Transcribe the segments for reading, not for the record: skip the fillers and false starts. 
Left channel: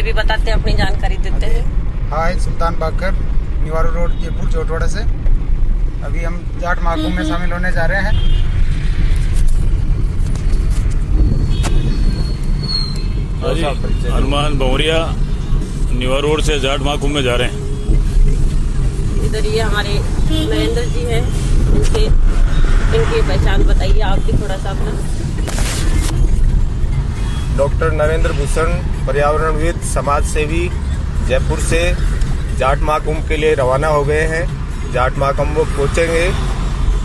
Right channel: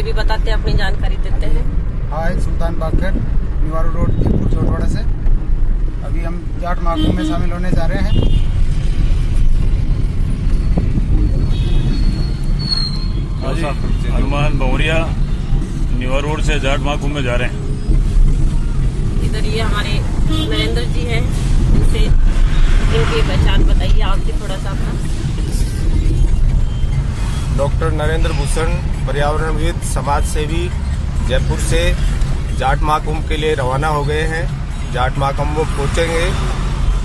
ये भी बताते हैं, अपनी जानकारी देते हैं। हाय, सुल्तान बाकर, निवारू रोड, जयपुर जोटवाड़ा से। अभी हम जाट महाकुंभ में शामिल होने जा रहे हैं। हनुमान भौरिया निवारू रोड से जाट महाकुंभ में जा रहे हैं। इधर ये हमारे नरेंद्र जी हैं, इनसे इनकी पहचान बताइए आप भी थोड़ा सा अपना। डॉक्टर नरेंद्र भूषण, पर्यावरणविद, समाज सेवी, जयपुर से जाट महाकुंभ के लिए रवाना हो गए हैं। जाट महाकुंभ पहुंचेंगे।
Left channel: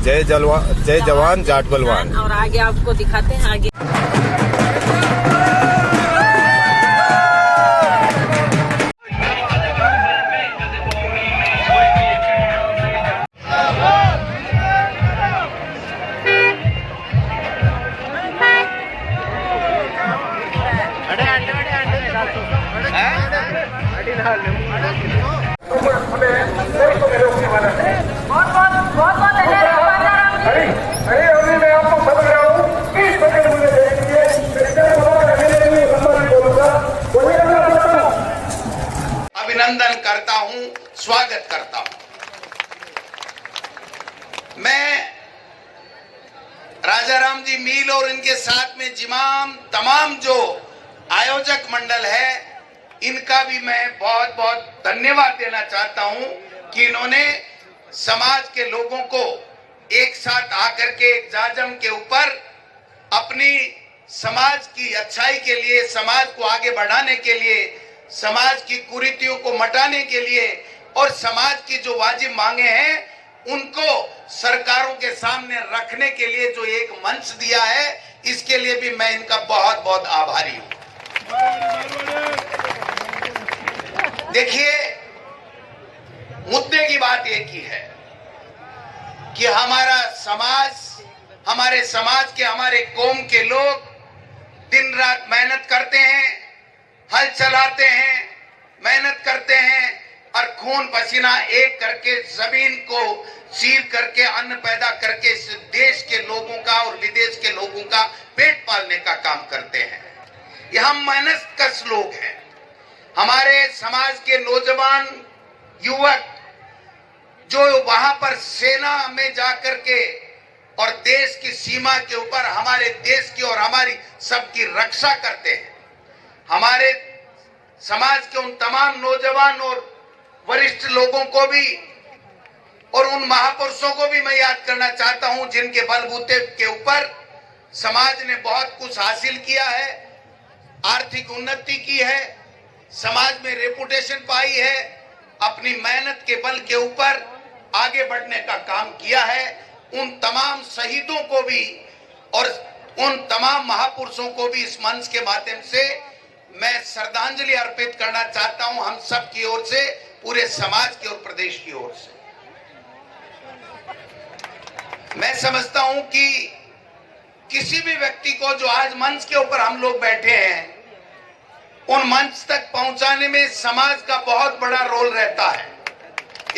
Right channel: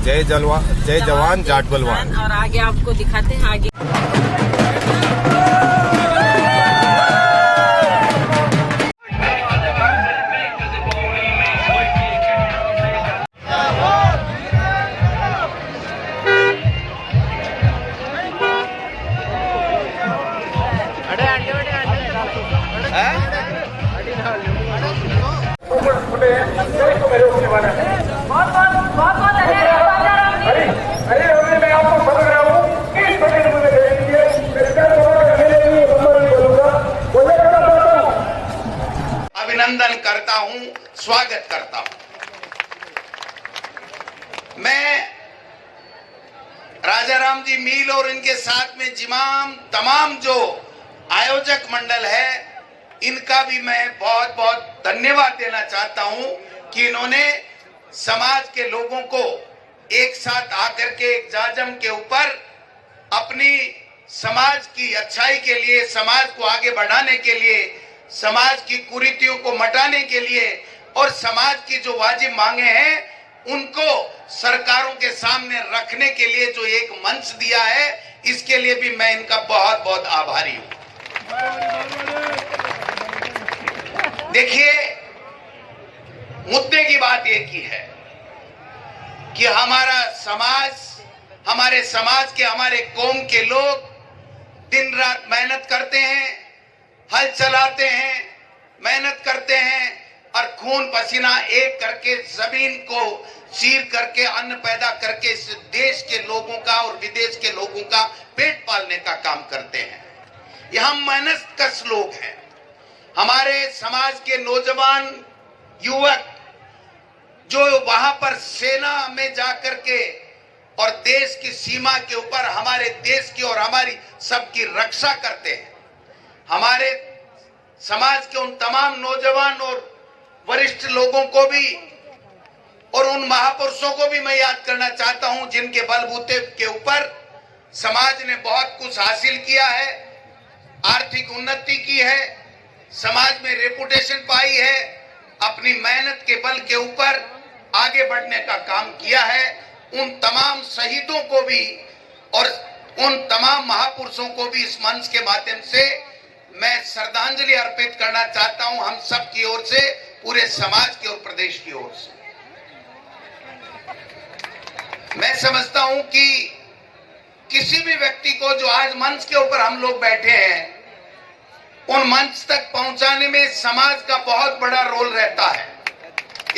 जय जवान जाट बलवान। और आगे आपको दिखाते हैं आगे। अभिनंदन करता हूं, स्वागत करता हूं। मैं राजा राम जी मील और इनके साथ में तमाम जो आयोजक मंडल है, इनका भी मैं बहुत बहुत धन्यवाद देना चाहता हूं कि इन्होंने समाज के लोगों को एक साथ आकर के एक जाजम के ऊपर अपनी समाज की अच्छाई के लिए, समाज को आगे बढ़ाने के लिए, समाज की कुरीतियों को मिटाने के लिए और समाज की जो वाजिब मांगे हैं उनको सरकारों के सामने रखने के लिए जो एक मंच दिया है, इसके लिए भी मैं इनका बहुत बहुत आभारी हूं। देखिए, मुद्दे की बात एक ही है कि हमारा समाज, हमारे समाज के, हमारे कौम के लोग दिन रात मेहनत करते हैं, हल चलाते हैं, मेहनत करते हैं और खून पसीना एक करके जमीन को चीर करके अन्न पैदा करके इस देश के लोगों का और विदेश के लोगों का पेट पालने का काम करते हैं। ये हम मेहनत कश लोग हैं। हमारे समाज के नौजवान युवक जो वहां पर सेना में जाकर के और देश की सीमा के ऊपर हमारे देश की और हमारी सबकी रक्षा करते हैं। हमारे समाज के उन तमाम नौजवान और वरिष्ठ लोगों को भी और उन महापुरुषों को भी मैं याद करना चाहता हूं जिनके बलबूते के ऊपर समाज ने बहुत कुछ हासिल किया है, आर्थिक उन्नति की है, समाज में रेपुटेशन पाई है, अपनी मेहनत के बल के ऊपर आगे बढ़ने का काम किया है। उन तमाम शहीदों को भी और उन तमाम महापुरुषों को भी इस मंच के माध्यम से मैं श्रद्धांजलि अर्पित करना चाहता हूं, हम सब की ओर से, पूरे समाज की और प्रदेश की ओर से। मैं समझता हूं कि किसी भी व्यक्ति को जो आज मंच के ऊपर हम लोग बैठे हैं, उन मंच तक पहुंचाने में समाज का बहुत बड़ा रोल रहता है।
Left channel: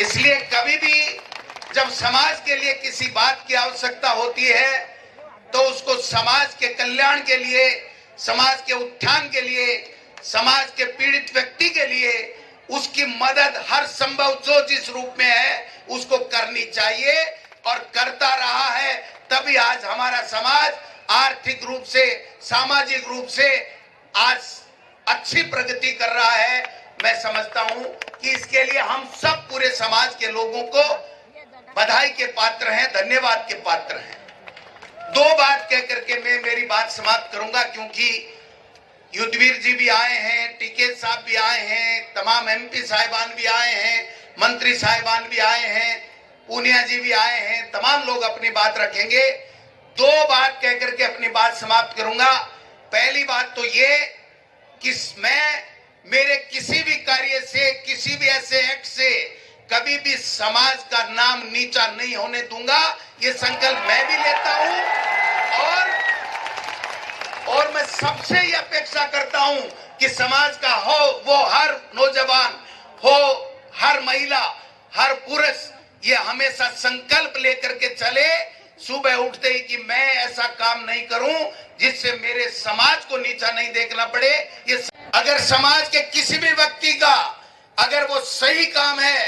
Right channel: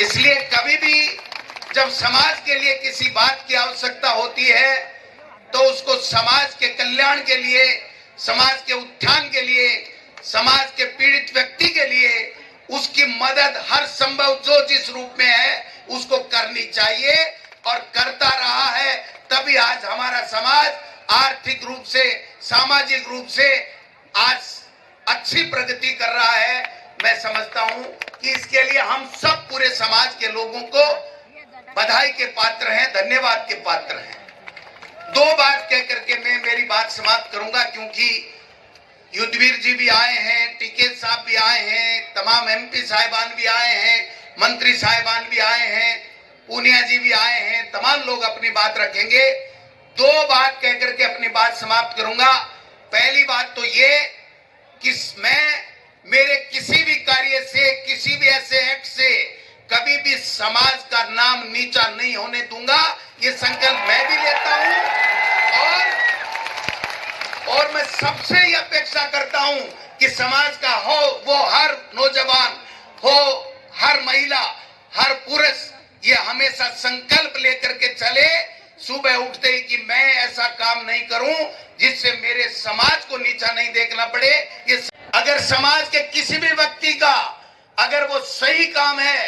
इसलिए कभी भी जब समाज के लिए किसी बात की आवश्यकता होती है तो उसको समाज के कल्याण के लिए, समाज के उत्थान के लिए, समाज के पीड़ित व्यक्ति के लिए उसकी मदद हर संभव जो जिस रूप में है उसको करनी चाहिए और करता रहा है। तभी आज हमारा समाज आर्थिक रूप से, सामाजिक रूप से आज अच्छी प्रगति कर रहा है। मैं समझता हूं कि इसके लिए हम सब पूरे समाज के लोगों को बधाई के पात्र हैं, धन्यवाद के पात्र हैं। दो बात कह करके मैं मेरी बात समाप्त करूंगा, क्योंकि युद्धवीर जी भी आए हैं, टीके साहब भी आए हैं, तमाम एमपी साहिबान भी आए हैं, मंत्री साहिबान भी आए हैं, पूनिया जी भी आए हैं, तमाम लोग अपनी बात रखेंगे। दो बात कह करके अपनी बात समाप्त करूंगा। पहली बात तो ये कि मैं मेरे किसी भी कार्य से, किसी भी ऐसे एक्ट से कभी भी समाज का नाम नीचा नहीं होने दूंगा। ये संकल्प मैं भी लेता हूं और मैं सबसे ये अपेक्षा करता हूं कि समाज का हो वो हर नौजवान हो, हर महिला, हर पुरुष ये हमेशा संकल्प लेकर के चले सुबह उठते ही कि मैं ऐसा काम नहीं करूं जिससे मेरे समाज को नीचा नहीं देखना पड़े। ये अगर समाज के किसी भी व्यक्ति का अगर वो सही काम है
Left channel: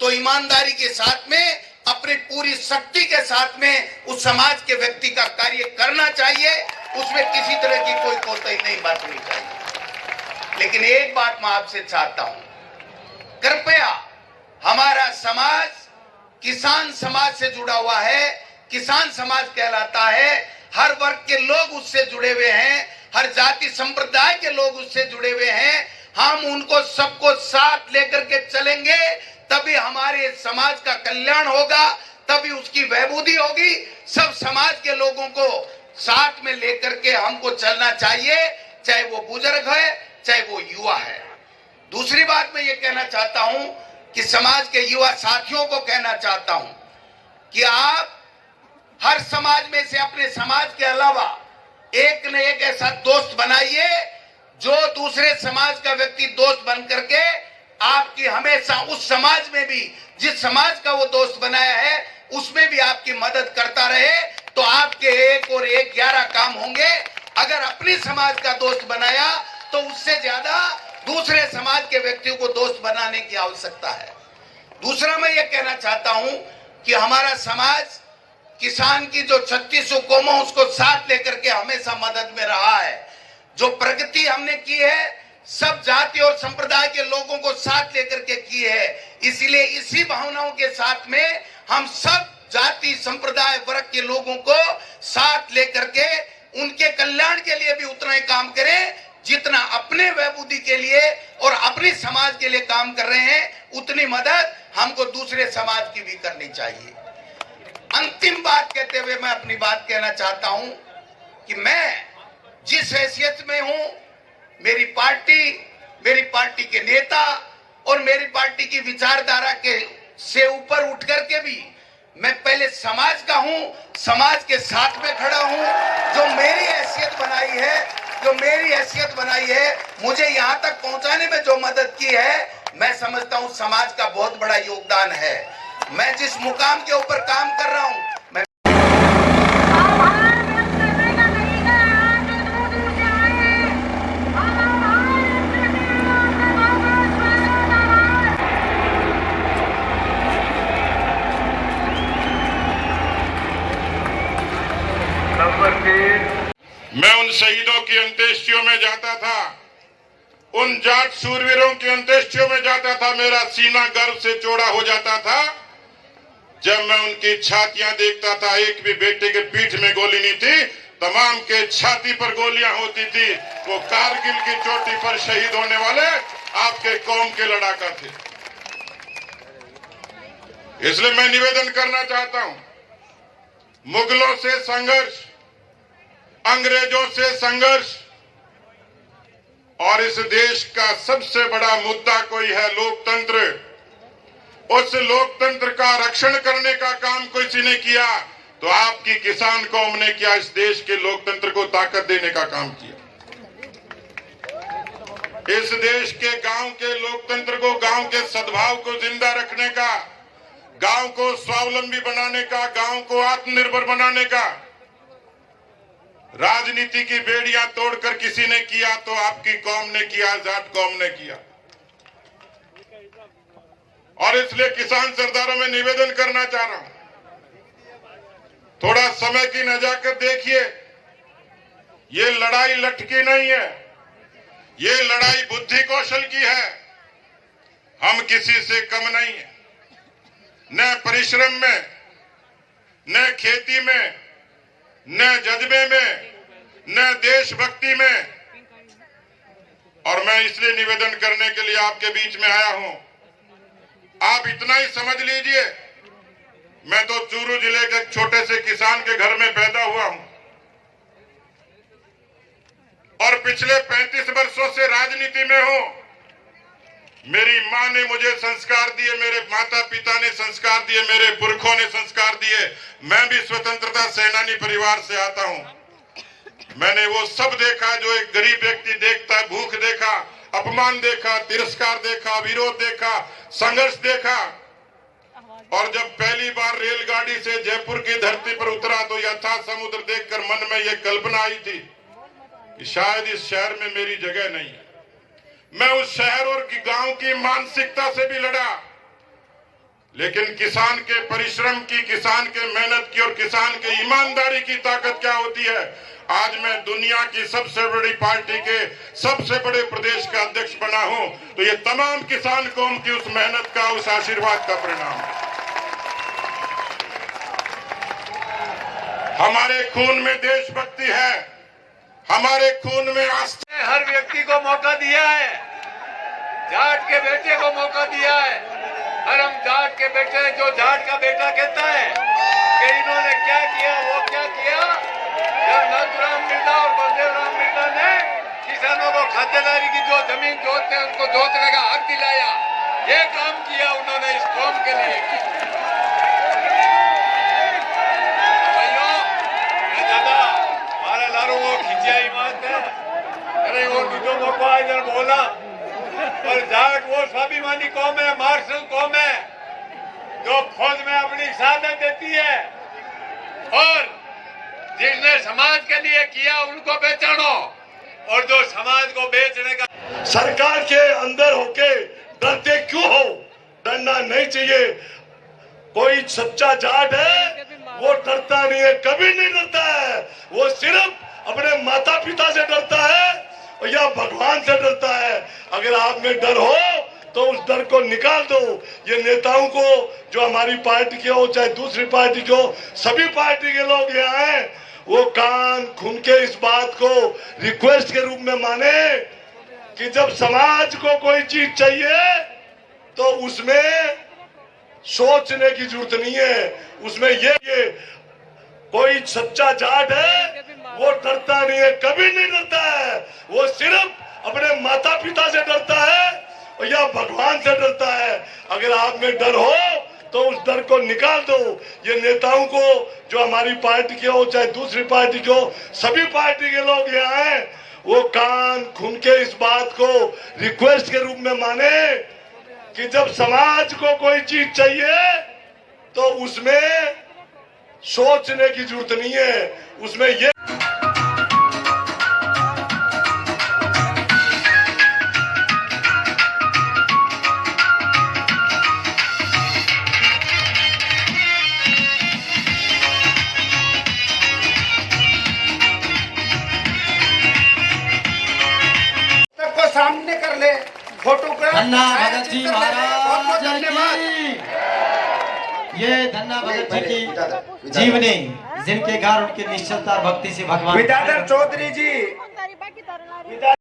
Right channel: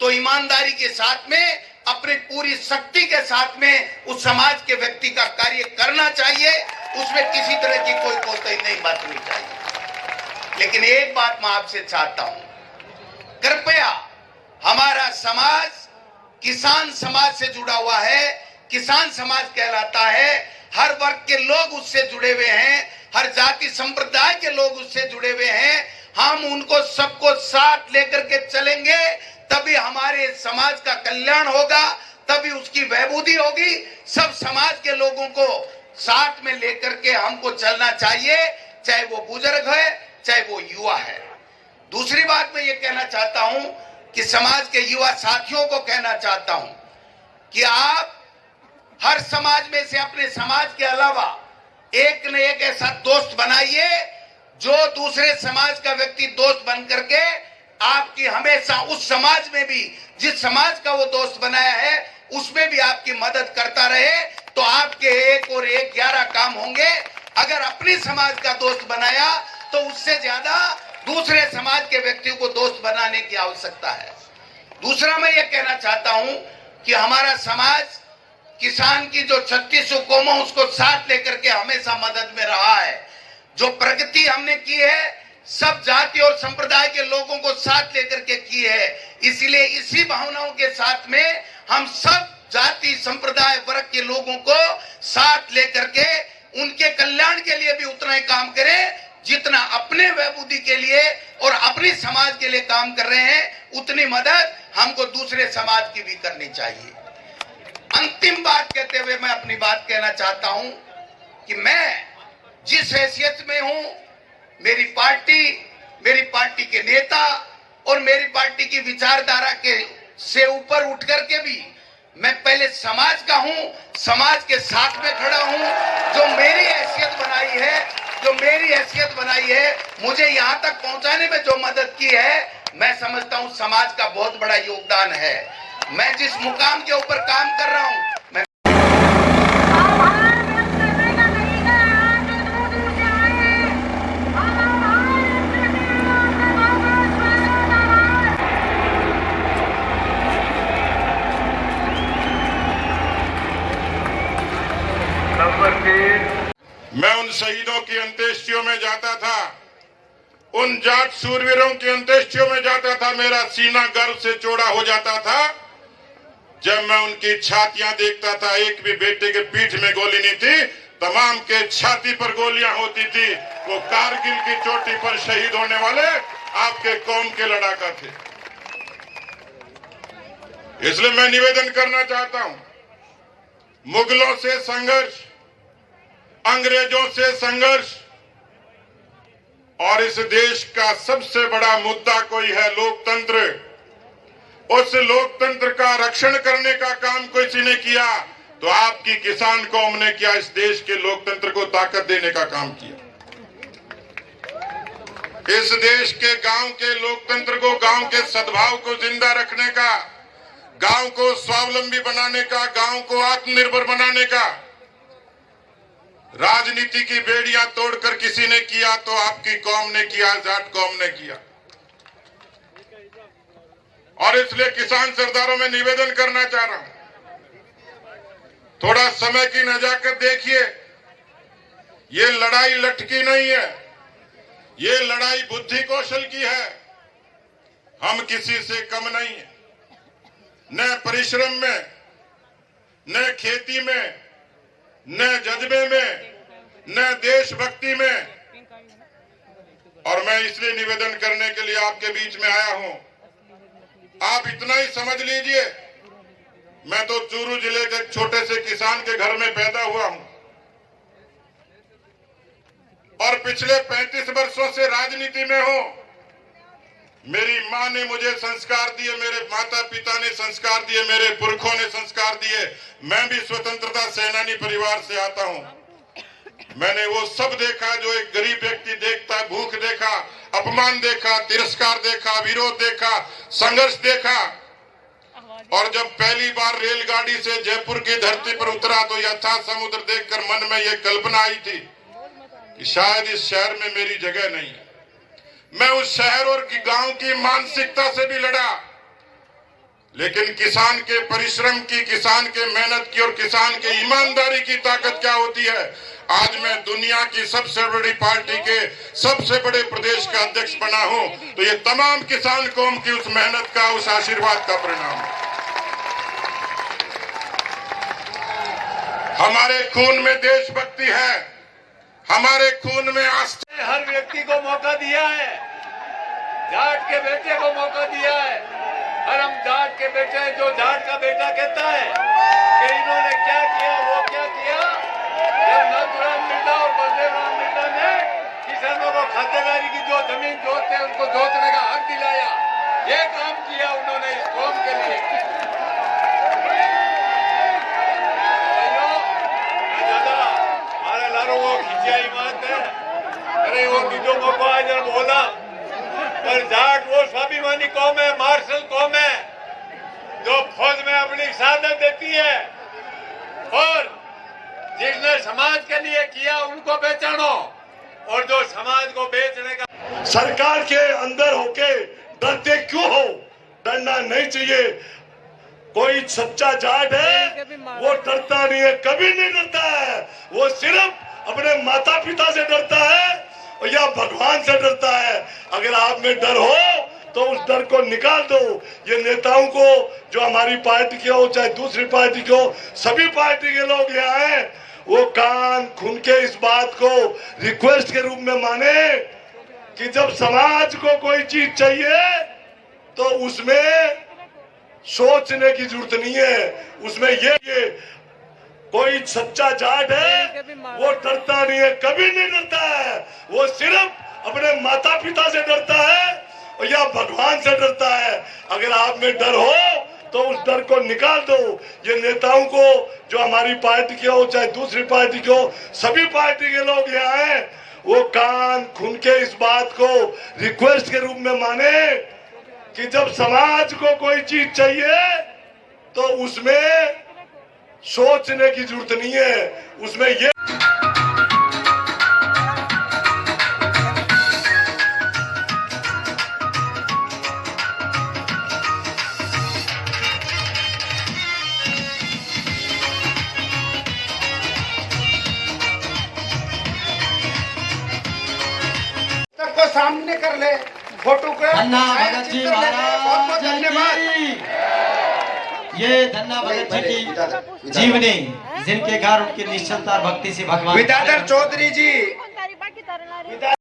तो ईमानदारी के साथ में अपनी पूरी शक्ति के साथ में उस समाज के व्यक्ति का कार्य करना चाहिए, उसमें किसी तरह की कोई कोताही नहीं बरतनी चाहिए। लेकिन एक बात मैं आपसे चाहता हूं, कृपया हमारा समाज किसान समाज से जुड़ा हुआ है, किसान समाज कहलाता है, हर वर्ग के लोग उससे जुड़े हुए हैं, हर जाति संप्रदाय के लोग उससे जुड़े हुए हैं। हम उनको सबको साथ लेकर के चलेंगे, तभी हमारे समाज का कल्याण होगा, तभी उसकी वैभूति होगी। सब समाज के लोगों को साथ में लेकर के हमको चलना चाहिए, चाहे वो बुजुर्ग है, चाहे वो युवा है। दूसरी बात मैं ये कहना चाहता हूं कि समाज के युवा साथियों को कहना चाहता हूं कि आप हर समाज में से अपने समाज के अलावा एक न एक ऐसा दोस्त बनाइए जो दूसरे समाज का व्यक्ति दोस्त बन करके आपकी हमेशा उस समाज में भी, जिस समाज का वो दोस्त बनाया है, उसमें भी आपकी मदद करता रहे, तो आपके 1 और 1 11 काम होंगे। अगर अपनी समाज का दोस्त बनाया तो उससे ज्यादा दूसरे समाज के व्यक्तियों को दोस्त बनाने की आवश्यकता है। दूसरा मैं ये कहना चाहता हूं कि हमारा समाज किसान की जो 36 कौम है उसको साथ लेकर के हमेशा मदद में रहा है। जो प्रगति हमने की है सब जाति और संप्रदाय के लोगों को साथ लेकर के की है। इसलिए इसी भावनाओं के साथ में हम सब जाति संप्रदाय वर्ग के लोगों को साथ लेकर के उनके कल्याण के लिए भी उतना ही काम करें जितना अपने वैभूति के लिए और अपनी समाज के लिए काम कर रहे हैं, उतनी मदद हमको दूसरे समाज की भी करनी चाहिए। अंतिम बात कहते हुए मैं अपनी बात कहना चाहता हूं कि मैं जिस हैसियत में हूं, मेरी पार्टी के नेता और मेरी पार्टी की विचारधारा के से ऊपर उठ करके भी मैं पहले समाज का हूं, समाज के साथ में खड़ा हूं। जो मेरी हैसियत बनाई है, मुझे यहां तक पहुंचाने में जो मदद की है, मैं समझता हूं समाज का बहुत बड़ा योगदान है। मैं जिस मुकाम के ऊपर काम कर रहा हूं, मैं उन शहीदों की अंत्येष्टियों में जाता था, उन जाट शूरवीरों की अंत्येष्टियों में जाता था। मेरा सीना गर्व से चौड़ा हो जाता था जब मैं उनकी छातियां देखता था। एक भी बेटे के पीठ में गोली नहीं थी, तमाम के छाती पर गोलियां होती थी। वो कारगिल की चोटी पर शहीद होने वाले आपके कौम के लड़ाका थे। इसलिए मैं निवेदन करना चाहता हूं, मुगलों से संघर्ष, अंग्रेजों से संघर्ष, और इस देश का सबसे बड़ा मुद्दा कोई है लोकतंत्र। उस लोकतंत्र का रक्षण करने का काम किसी ने किया तो आपकी किसान कौम ने किया, इस देश के लोकतंत्र को ताकत देने का काम किया। इस देश के गांव के लोकतंत्र को, गांव के सद्भाव को जिंदा रखने का, गांव को स्वावलंबी बनाने का, गांव को आत्मनिर्भर बनाने का राजनीति की बेड़ियां तोड़कर किसी ने किया तो आपकी कौम ने किया, जाट कौम ने किया। और इसलिए किसान सरदारों में निवेदन करना चाह रहा हूं, थोड़ा समय की नजाकत देखिए। ये लड़ाई लटकी नहीं है, ये लड़ाई बुद्धि कौशल की है। हम किसी से कम नहीं है, न परिश्रम में, न खेती में, न जज्बे में, न देशभक्ति में। और मैं इसलिए निवेदन करने के लिए आपके बीच में आया हूं। आप इतना ही समझ लीजिए, मैं तो चूरू जिले के छोटे से किसान के घर में पैदा हुआ हूं और पिछले 35 वर्षों से राजनीति में हूं। मेरी मां ने मुझे संस्कार दिए, मेरे माता पिता ने संस्कार दिए, मेरे पुरखों ने संस्कार दिए। मैं भी स्वतंत्रता सेनानी परिवार से आता हूं। मैंने वो सब देखा जो एक गरीब व्यक्ति देखता है। भूख देखा, अपमान देखा, तिरस्कार देखा, विरोध देखा, संघर्ष देखा। और जब पहली बार रेलगाड़ी से जयपुर की धरती पर उतरा तो यथा समुद्र देखकर मन में ये कल्पना आई थी कि शायद इस शहर में मेरी जगह नहीं है। मैं उस शहर और गांव की मानसिकता से भी लड़ा, लेकिन किसान के परिश्रम की, किसान के मेहनत की और किसान के ईमानदारी की ताकत क्या होती है, आज मैं दुनिया की सबसे बड़ी पार्टी के सबसे बड़े प्रदेश का अध्यक्ष बना हूं, तो ये तमाम किसान कौम की उस मेहनत का, उस आशीर्वाद का परिणाम है। हमारे खून में देशभक्ति है, हमारे खून में आस्था। हर व्यक्ति को मौका दिया है, जाट के बेटे को मौका दिया है, और हम जाट के बेटे, जो जाट का बेटा कहता है कि इन्होंने क्या किया, वो क्या किया, जब नाथुराम मिर्जा और बलदेव राम मिर्जा ने किसानों को खातेदारी की जो जमीन जोतते हैं उनको जोतने का हक दिलाया, ये काम किया उन्होंने इस कौम के लिए। हमारा लारो वो खिंचाई बात है, अरे वो निजों को आज बोला, और जाट वो स्वाभिमानी कौम है, मार्शल कौम है, जो फौज में अपनी शहादत देती है, और जिसने समाज के लिए किया उनको पहचानो, और जो समाज को बेचने का। सरकार के अंदर होके डरते क्यों हो? डरना नहीं चाहिए। कोई सच्चा जाट है वो डरता नहीं है, कभी नहीं डरता है, वो सिर्फ अपने माता पिता से डरता है या भगवान से डरता है। अगर आप में डर हो तो उस डर को निकाल दो। ये नेताओं को, जो हमारी पार्टी के हो चाहे दूसरी पार्टी के हो, सभी पार्टी के लोग यहाँ हैं, वो कान खुन के इस बात को रिक्वेस्ट के रूप में माने कि जब समाज को कोई चीज चाहिए तो उसमें सोचने की जरूरत नहीं है, उसमें ये कोई सच्चा जाट है वो डरता नहीं है, कभी नहीं डरता है, वो सिर्फ अपने माता पिता से डरता है या भगवान से डरता है। अगर आप में डर हो तो उस डर को निकाल दो। ये नेताओं को, जो हमारी पार्टी के हो चाहे दूसरी पार्टी के हो, सभी पार्टी के लोग यहाँ हैं, वो कान खुन के इस बात को रिक्वेस्ट के रूप में माने कि जब समाज को कोई चीज चाहिए तो उसमें सोचने की जरूरत नहीं है, उसमें ये को सामने कर ले, फोटो का धन्ना भगत जी बहुत बहुत धन्यवाद। ये धन्ना भगत जी की जीवनी, जिनके घर उनकी निश्चलता और भक्ति से भगवान विद्याधर चौधरी जी